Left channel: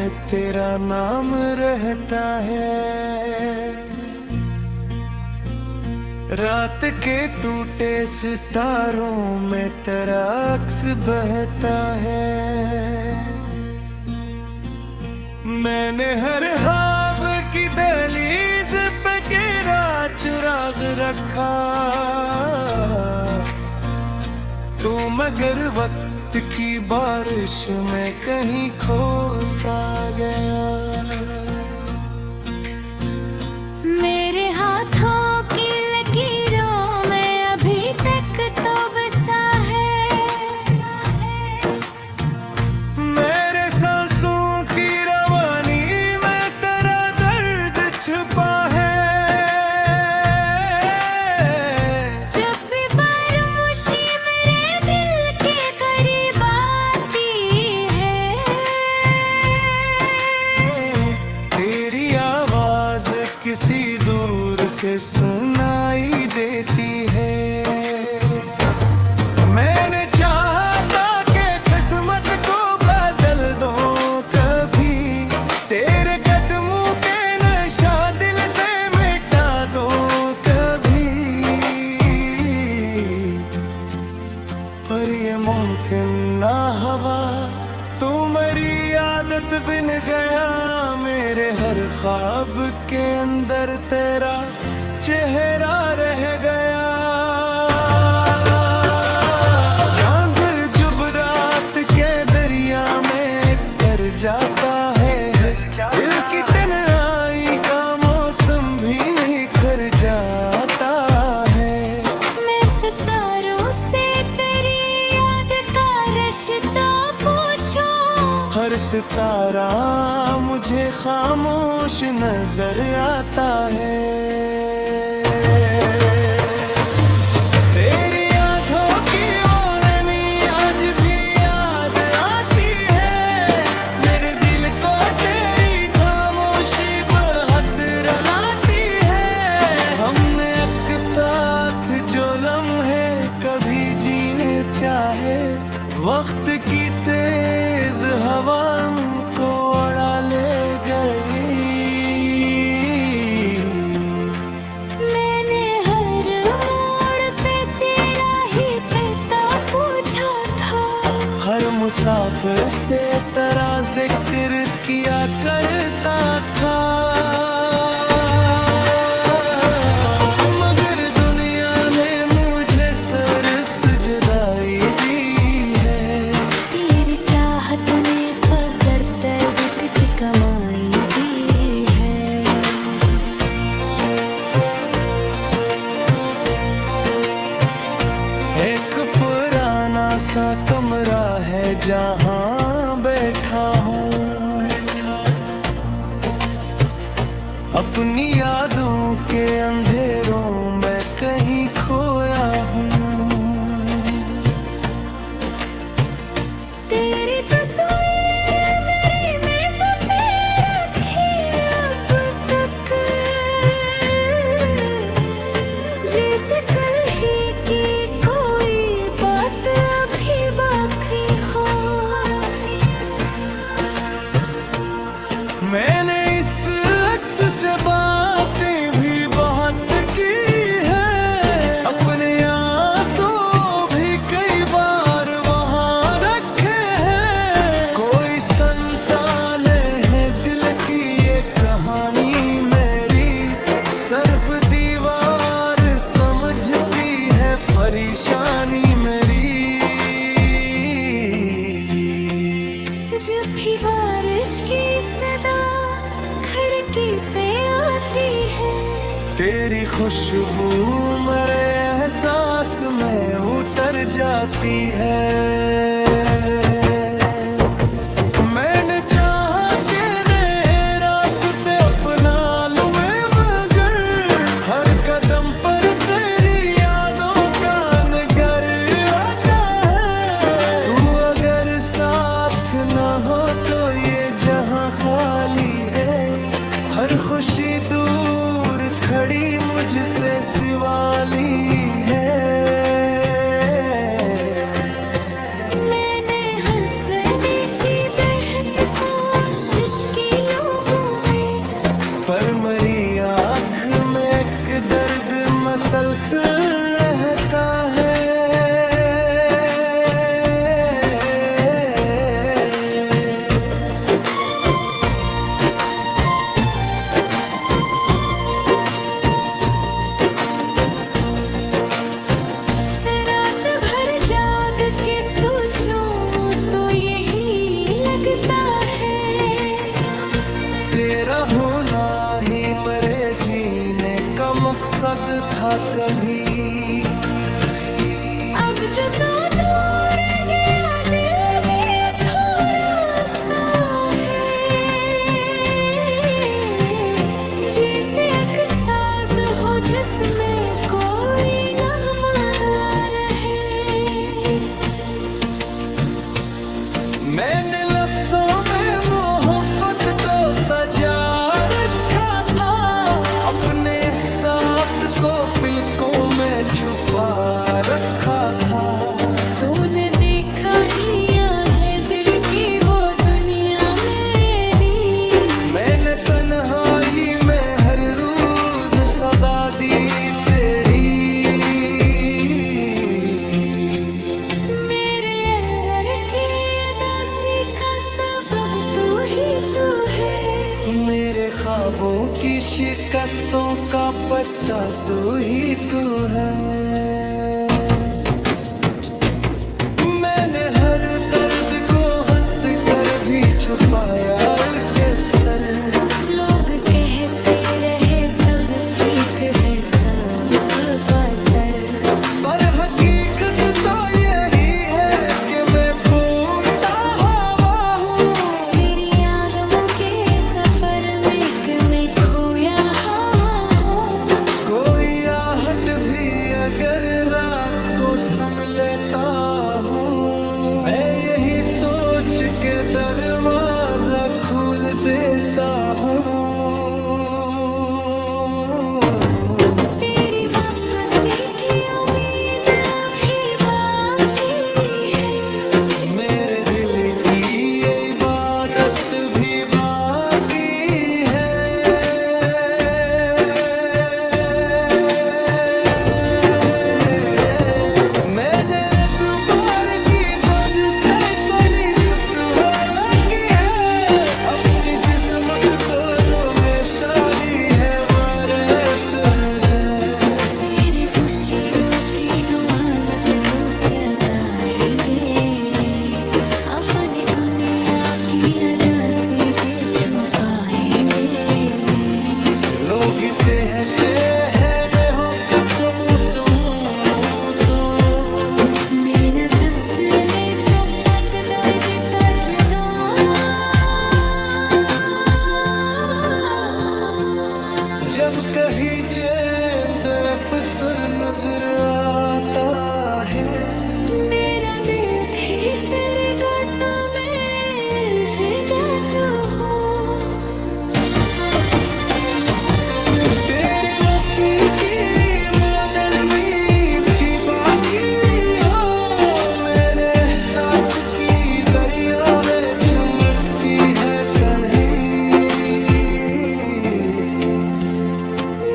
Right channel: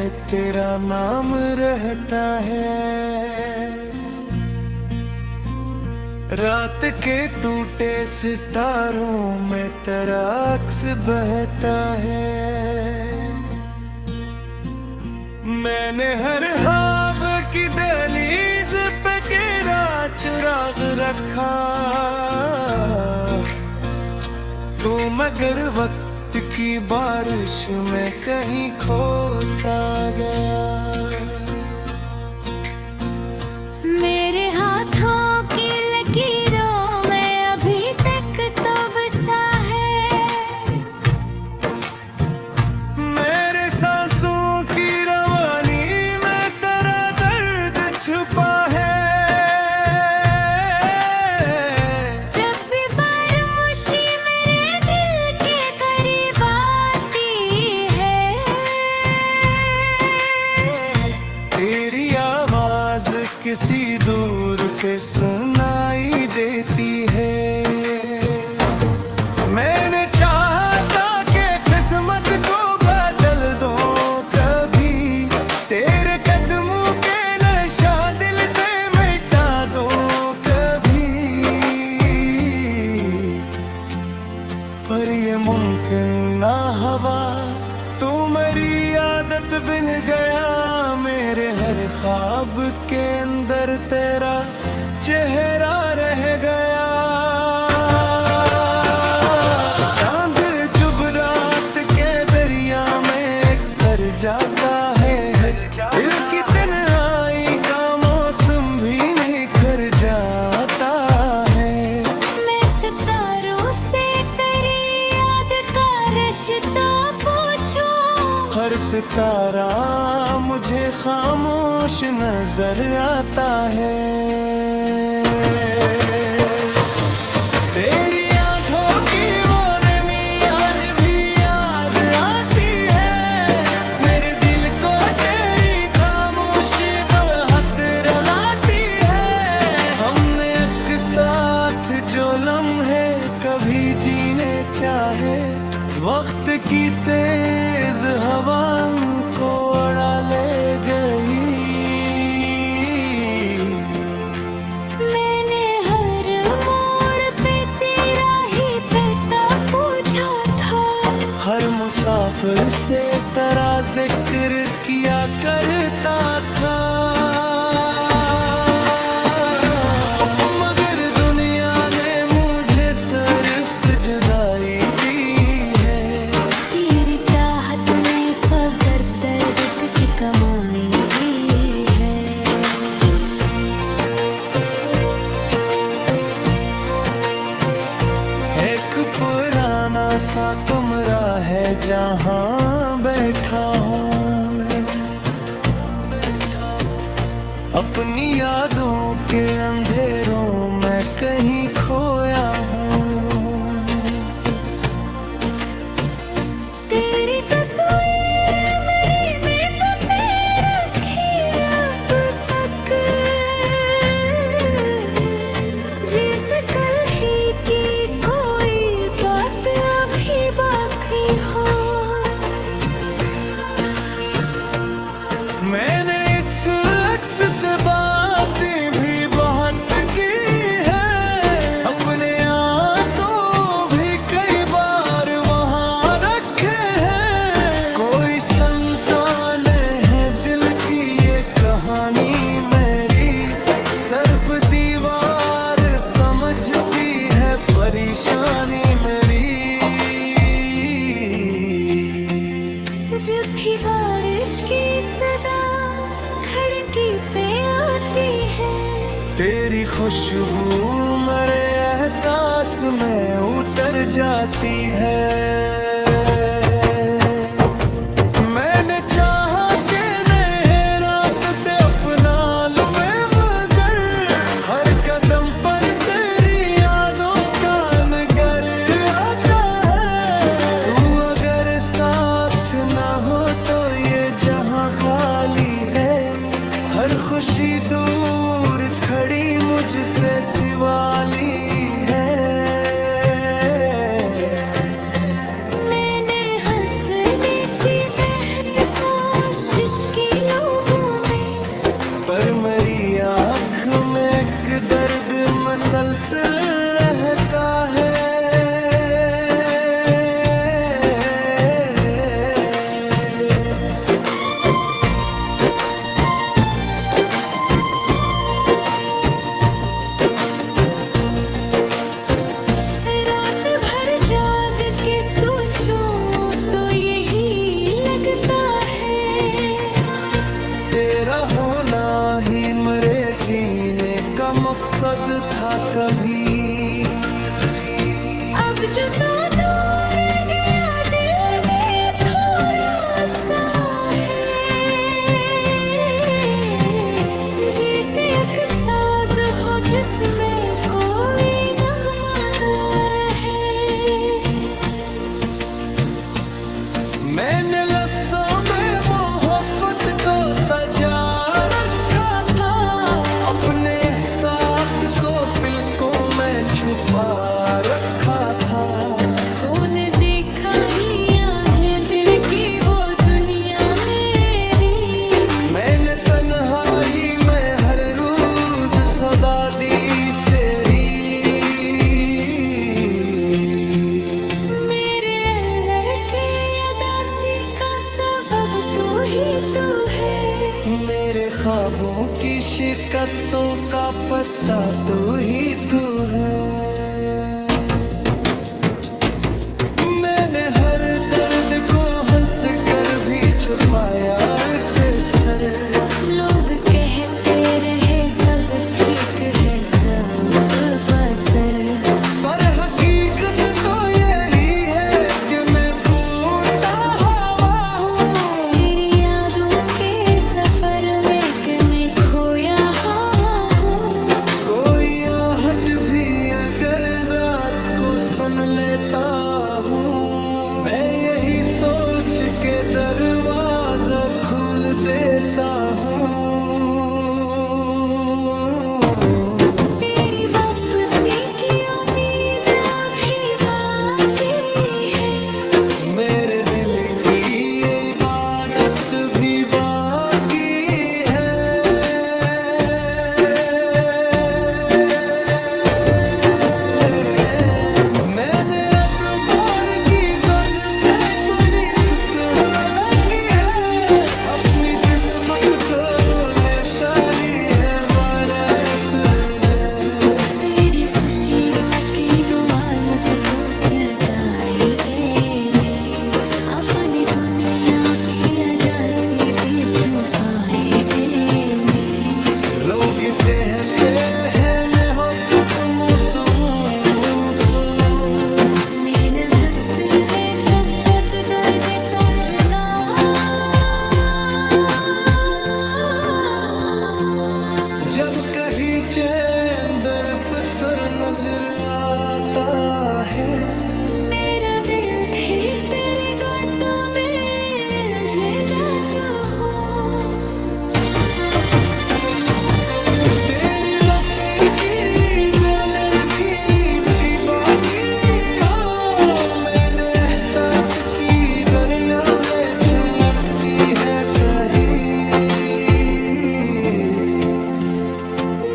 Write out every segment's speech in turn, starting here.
में तेरा नाम रहता है। रात के टूटे सितारों में तेरा अक्स बहता है। मैंने हर ख्वाब की दहलीज पे तेरा चुराग रखा। तू मगर वक्त की बारिश में कहीं खो सा गया। मेरे हाथों की लकीरों में अभी तक तो बसा है। मेरे सांसों की रवानी में तेरा दर्द छुपा है। जब भी फरामोशी मेरे दिल के करीब आती है, तेरी आवाज किसी दूर से सुनाई देती है। मैंने चाहा था कि किस्मत को बदल दो कभी, तेरे कदमों के नशा दिल से मिटा दो कभी, पर ये मुमकिन ना हवा। तू मेरी आदत बिन गया, मेरे हर ख्वाब के अंदर तेरा चेहरा रह गया। चांद जब रात के दरिया में कर जाता है, दिल की तन्हाई का मौसम भी नहीं कर जाता है। मैं सितारों से तेरी याद का रिश्ता पूछूं। हर सितारा मुझे खामोश नजर आता है। तेरी आंखों की वो नमी आज भी याद आती है। मेरे दिल को तेरी खामोशी बहुत रुलाती है। हमने एक साथ जो लम्हे कभी जीने चाहे, वक्त की तेज हवा को उड़ा ले गई। मैंने हर मोड़ पे तेरा ही पता पूछा था। हर मुसाफिर से तेरा जिक्र किया करता था, मगर दुनिया ने मुझे सिर्फ सजदाई दी है। तेरी चाहत ने फकर दर्द की कमाई दी है। एक पुराना सा कमरा है जहाँ बैठा हूँ, अपनी यादों के अंधेरों में कहीं खोया हूँ। तेरी तस्वीर मेरी मेज पे रखी अब तक, जैसे कल ही की कोई बात अभी बाकी हो। मैंने इस अक्स से बातें भी बहुत की है, अपने आंसू भी कई बार वहाँ रखे हैं। कोई संतान है दिल की ये कहानी मेरी, सिर्फ दीवार समझती है परेशानी मेरी। जब भी बारिश की सदा खिड़की पे आती है, तेरी खुशबू मेरे एहसास में उतर जाती है। मैंने चाहा कि नए रास्ते अपना लूं मैं, मगर हर कदम पर तेरी यादों का नगर आता है। तू अगर साथ ना हो तो ये जहां खाली है, हर खुशी दूर खड़ी मुझसे सिवाली है। मैंने हंसने की बेहद कोशिश मसलसल रहता है। रात भर जाग के सोचूं तो यही लगता है, तेरा होना ही मेरे जीने का मकसद था कभी। अब जो तो दूर गया दिल में थोड़ा सा है, जैसे एक साज हो जिसमें कोई नगमा ना रहे। मैंने लफ्जों में मोहब्बत को सजा रखा था, अपने एहसास को पलकों में छुपा रखा था। तूने देखा ही है दिल की वो दुनिया मेरी, मैंने तन्हाई में हर रोज सदा दी तेरी। मेरे अरर के अदासी का सबब तू ही तू है, मेरे ख्वाबों की शिकस्तों का पत्ता तू ही तू है। मैंने हर दर्द को हंस कर भी छुपाया अक्सर। लोग कहते रहे सब ठीक है सब बदतर, पर हकीकत तो यही है कि मैं फूटा हवा हूँ। तेरी यादों के सफर में कि मैं खोया हूँ। कोई आहट भी अगर रात को सुन लेता हूँ, मैं यही सोच के दरवाजा खोल देता हूँ। तेरी वापसी की उम्मीद अभी बाकी है, मेरे दिल की ये इबादत भी बाकी है। मैंने अतबार की वजह से कली सुत हो लगी है, अपनी किस्मत तो निशानी है बरस जाए। तेरी खुशियों की दुआलत को सजाएंगे ने, अपनी दुनिया की अदासी दे छुपाएंगे ने। लोग कहते हैं ने हो तुम तो Mina hasle fokkat dayde tajna, जब कहीं चैन दरफ्तर नजर आता है। मेरा दिल भी तेरे गातों में उलझ जाता हो। तेरी वफी की वो नरमी भी बाकी हो, मेरे एहसास की दरिया में छलकती है कहीं।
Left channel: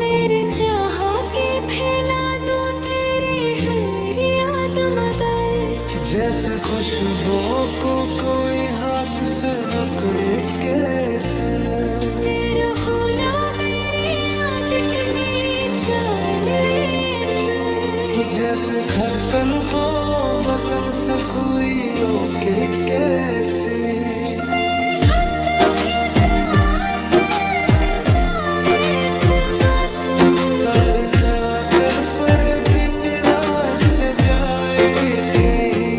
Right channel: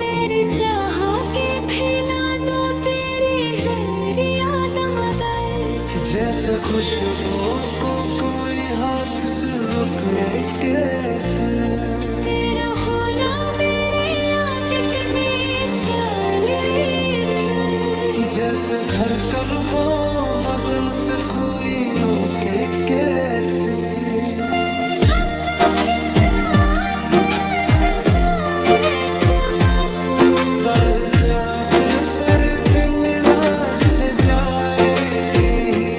मेरे चाह के फैला दो तेरी हर याद मगर, जैसे खुशबू को कोई हाथ से पकड़े कैसे। तेरा होना मेरी आदत निशालेस, जैसे खरतल को वजन से कोई रोके कैसे। मेरे अंदर की ताश कसायत बातें, बरसा कर पर दिन रात सजाए कहीं।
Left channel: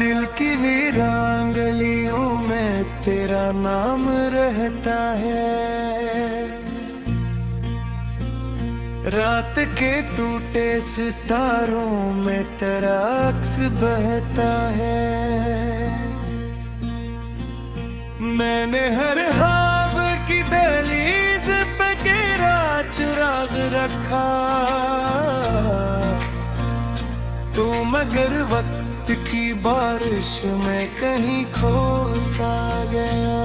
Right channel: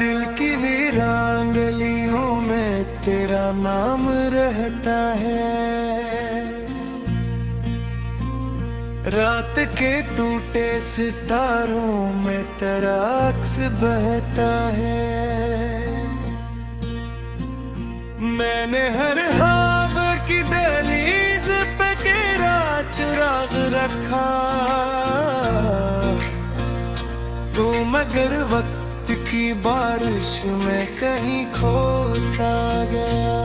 दिल की वीरान गलियों में तेरा नाम रहता है, रात के टूटे सितारों में तेरा अक्स बहता है। मैंने हर ख्वाब की दहलीज पे गिरा सुराग रखा तू, मगर वक्त की बारिश में कहीं खो सा गया।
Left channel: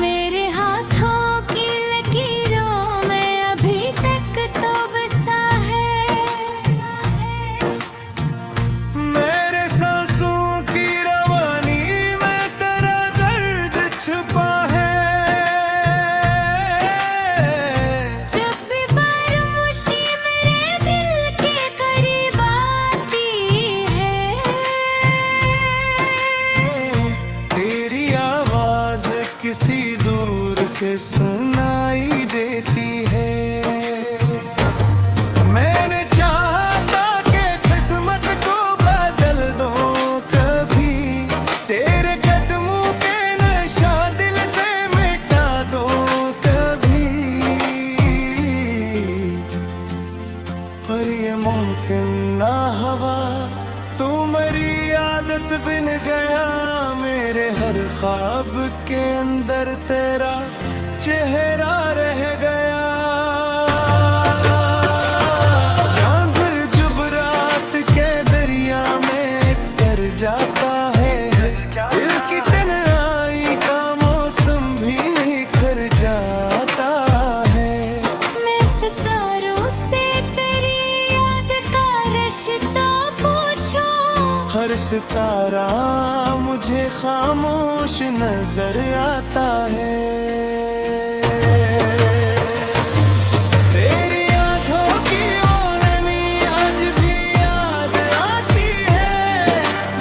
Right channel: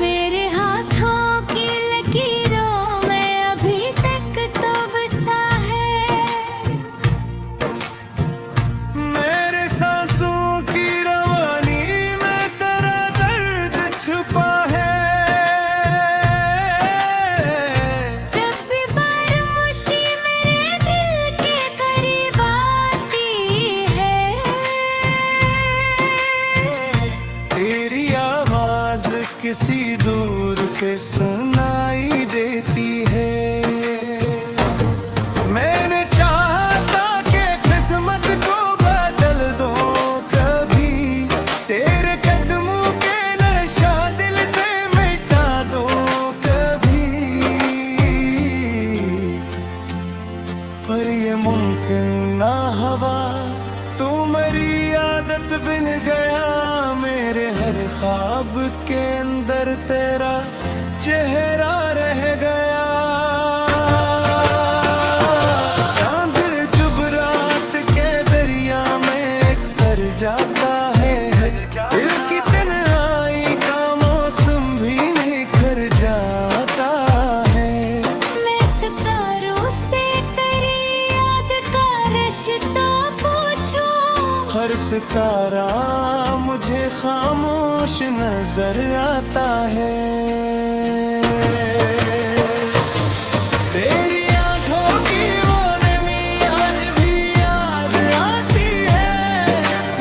मेरे हाथों की लकीरों में अभी तक तो बसा है, मेरे सांसों की रवानी में तेरा दर्द छुपा है। जब भी फरामोशी मेरे दिल के करीब आती है, तेरी आवाज किसी दूर से सुनाई देती है। मैंने चाहा था कि किस्मत को बदल दो कभी, तेरे कदमों के नशा दिल से मिटा दो कभी, पर ये मुमकिन ना हवा। तुम्हारी आदत बिन गया मेरे हर ख्वाब के अंदर तेरा चेहरा रह गया। चांद जब रात के दरिया में कर जाता है, दिल की तन्हाई का मौसम भी निखर जाता है। मैं सितारों से तेरी याद का रिश्ता पूछूं, हर सितारा मुझे खामोश नजर आता है। तेरी आंखों की वो नमी आज भी याद आती है,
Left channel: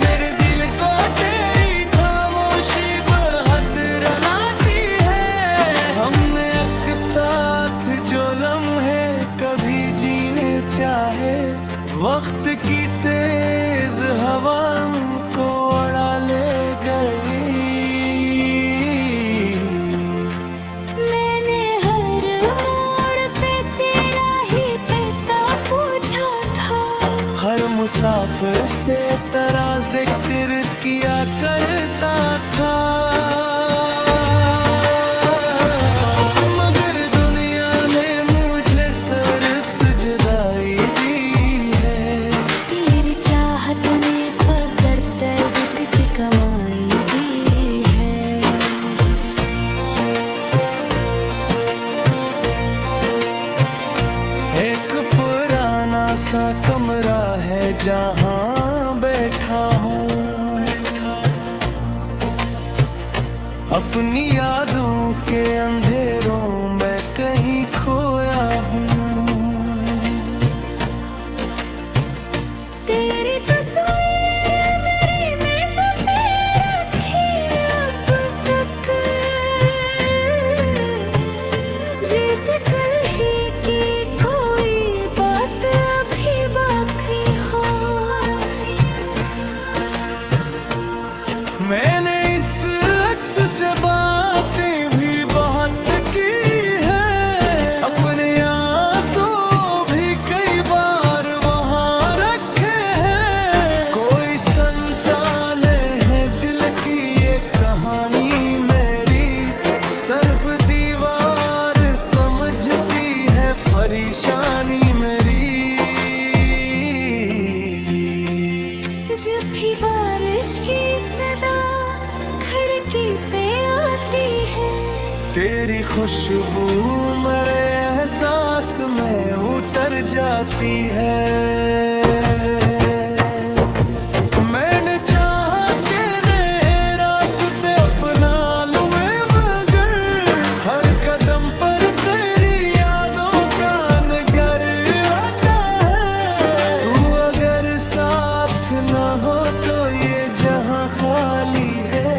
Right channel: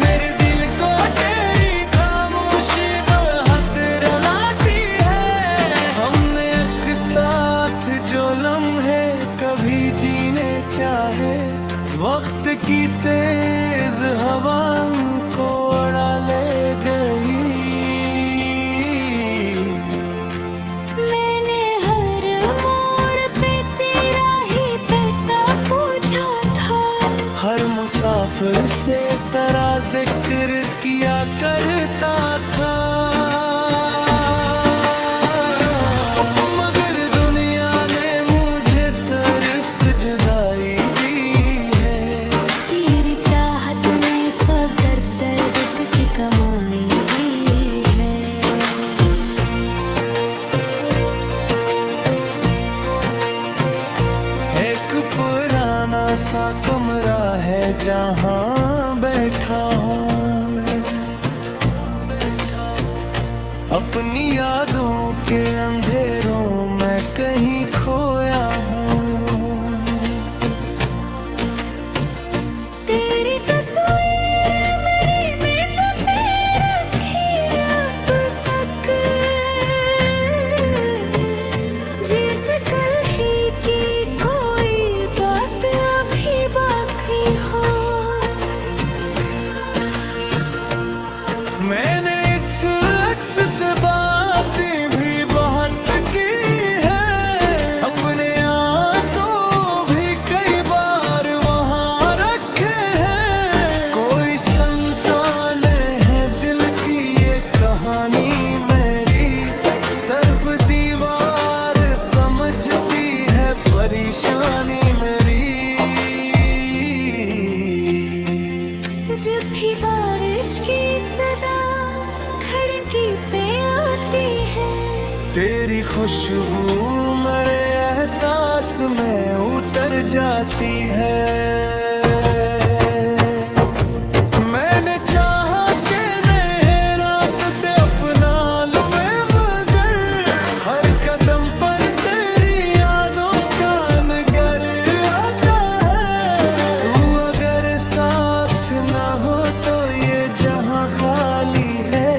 मेरे दिल को तेरी खामोशी बहुत रुलाती है। हमने एक साथ जो लम्हे कभी जीने चाहे, वक्त की तेज हवा को उड़ा ले गई। मैंने हर मोड़ पे तेरा ही पता पूछा था, हर मुसाफिर से तेरा जिक्र किया करता था, मगर दुनिया ने मुझे सिर्फ जुदाई दी है। तेरी चाहत ने फकर दर्द की कमाई दी है। एक पुराना सा कमरा है जहाँ बैठा हूँ, अपनी यादों के अंधेरों में कहीं खोया हूँ। तेरी तस्वीर मेरी मेज़ पे रखी अब तक, जैसे कल ही की कोई बात अभी बाकी हो। मैंने इस अक्स से बातें भी बहुत की है, अपने आंसू भी कई बार वहाँ रखे हैं। कोई संतान है दिल की ये कहानी मेरी, सिर्फ दीवार समझती है परेशानी मेरी। जब भी बारिश की सदा खिड़की पे आती है, तेरी खुशबू मेरे एहसास में उतर जाती है। मैंने चाहा कि नए रास्ते अपना लूं मैं, मगर हर कदम पर तेरी यादों का नगर आता है। तू अगर साथ न हो तो ये जहां खाली है,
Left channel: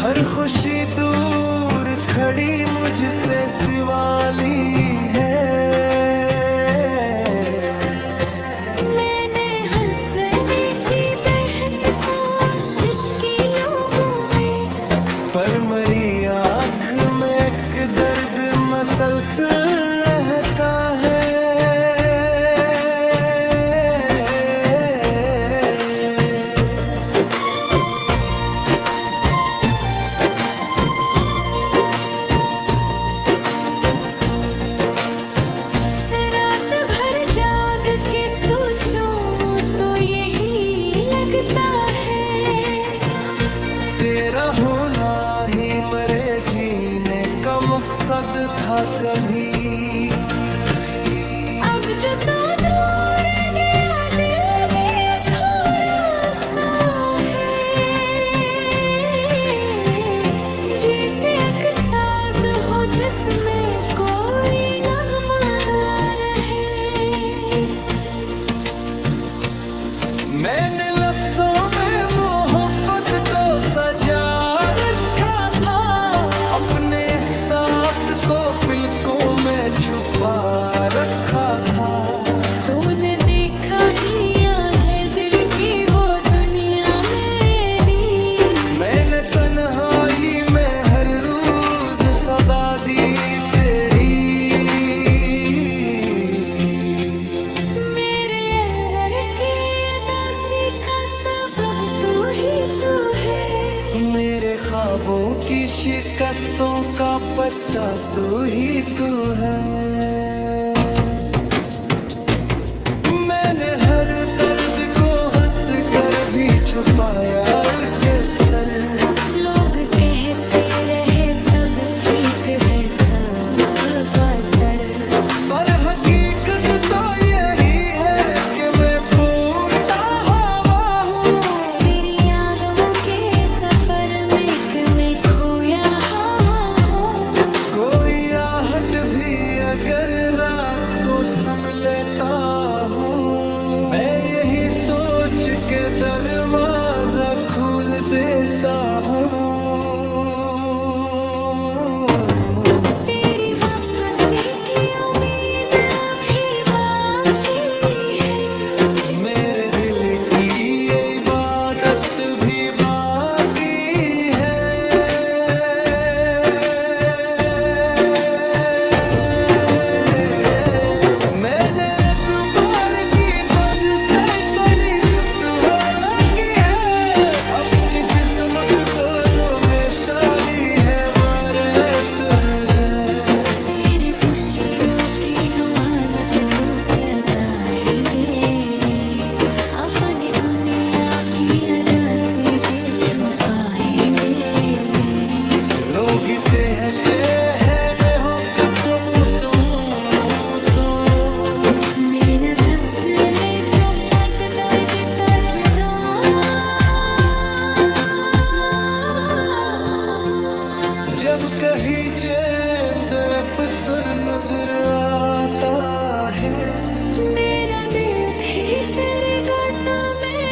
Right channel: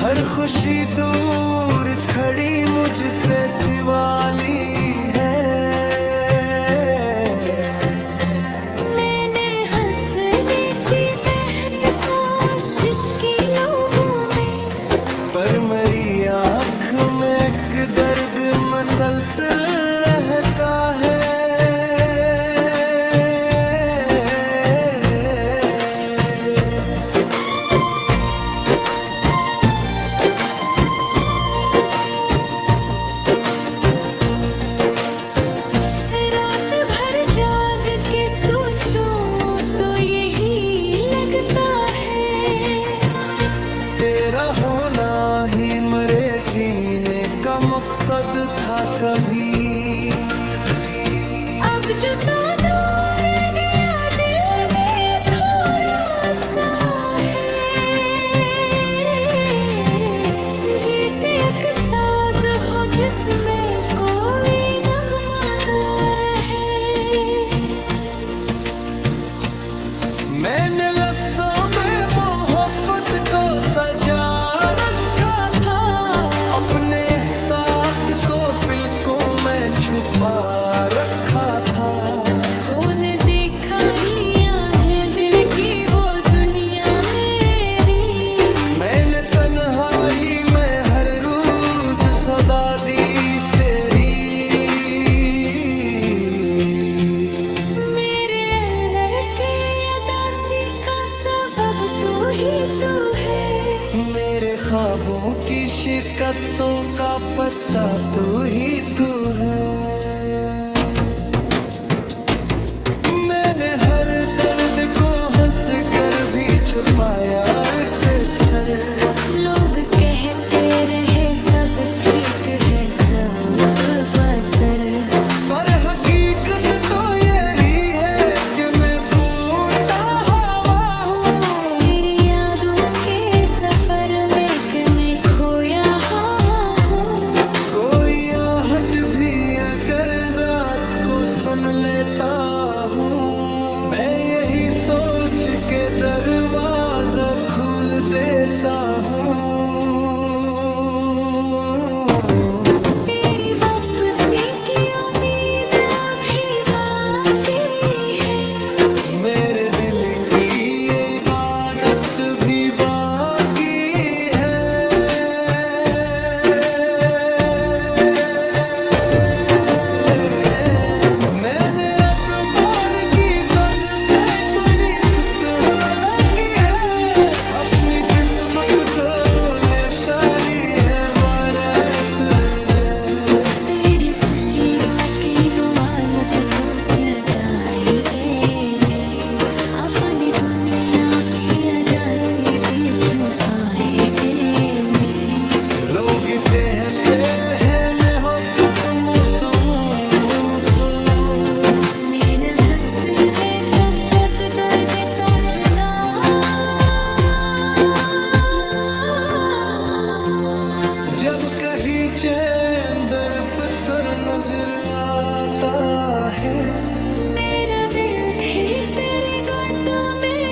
हर खुशी दूर खड़ी मुझसे सिवाली है। मैंने हंसने की बेहद कोशिश की लोगों में, पर मेरी आँख में एक दर्द मसलसल रहता है। देता है। तेरा होना ही मेरे जीने का मकसद था कभी। अब जो तो दूर गया दिल भी थोड़ा सा है, जैसे एक साज हो जिसमें कोई नगमा ना रहे। मैंने लफ्जों में मोहब्बत को सजा रखा था, अपने एहसास को पलकों में छुपा रखा था। तूने देखा ही है दिल की वो दुनिया मेरी। मैंने तन्हाई में हर रोज सदा दी तेरी। मेरे अरर के अदासी का सबब तू ही तू है। मेरे ख्वाबों की शिकस्तों का पत्ता तू ही तू है। मैंने हर दर्द को हंस कर भी छुपाया अक्सर। लोग कहते रहे सब ठीक है सब बदतर, पर हकीकत तो यही है कि मैं फूटा हवा हूँ। तेरी यादों के सफर में कि मैं खोया हूँ। कोई आहट भी अगर रात को सुन लेता हूँ, मैं यही सोच के दरवाजा खोल देता हूँ। तेरी वापसी की उम्मीद अभी बाकी है। मेरे दिल की ये इबादत भी बाकी है। मैंने एतबार की बज से तनी सुतहाला की है। अपनी किस्मत तो धुलेशाली है बरस जाए। तेरी खुशियों की दुआत को सजाएंगे ले, अपनी दुनिया की अदा सीधे छुपाएंगे ले। लोग कहते हैं ने हो तुम समूतो। Mina hasle fokkat dayde tajna, जब कहीं चैन दरफ्तर नजर आता है। मेरा दिल भी तेरे गातों में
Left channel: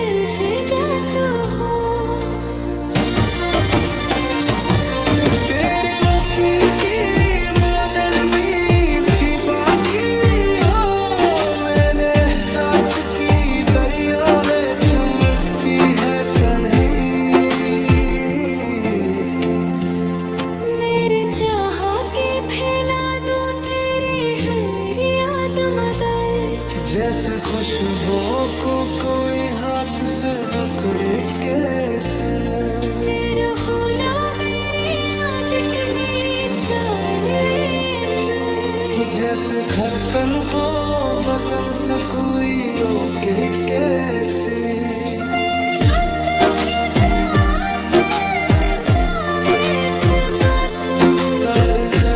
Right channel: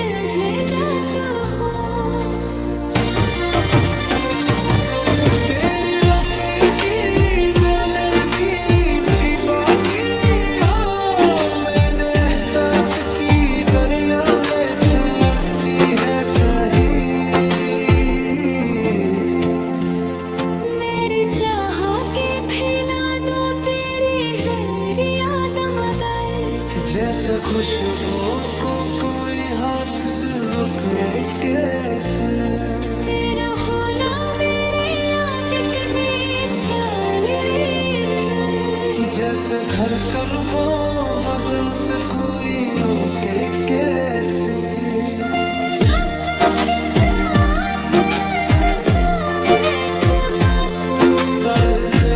उलझे जाता हो। तेरी वफी की वो नरमी भी बाकी हो। मैंने एहसास की दरिया में चमकती है कहीं। मेरे चाह के फैला दो तेरी हर याद मगर, जैसे खुशबू को कोई हाथ से पकड़े कैसे। तेरा होना मेरी आदत निशान से। जैसे धड़कन को वजन से कोई रोके कैसे। मेरे अंदर की ताश का साए बात, दर से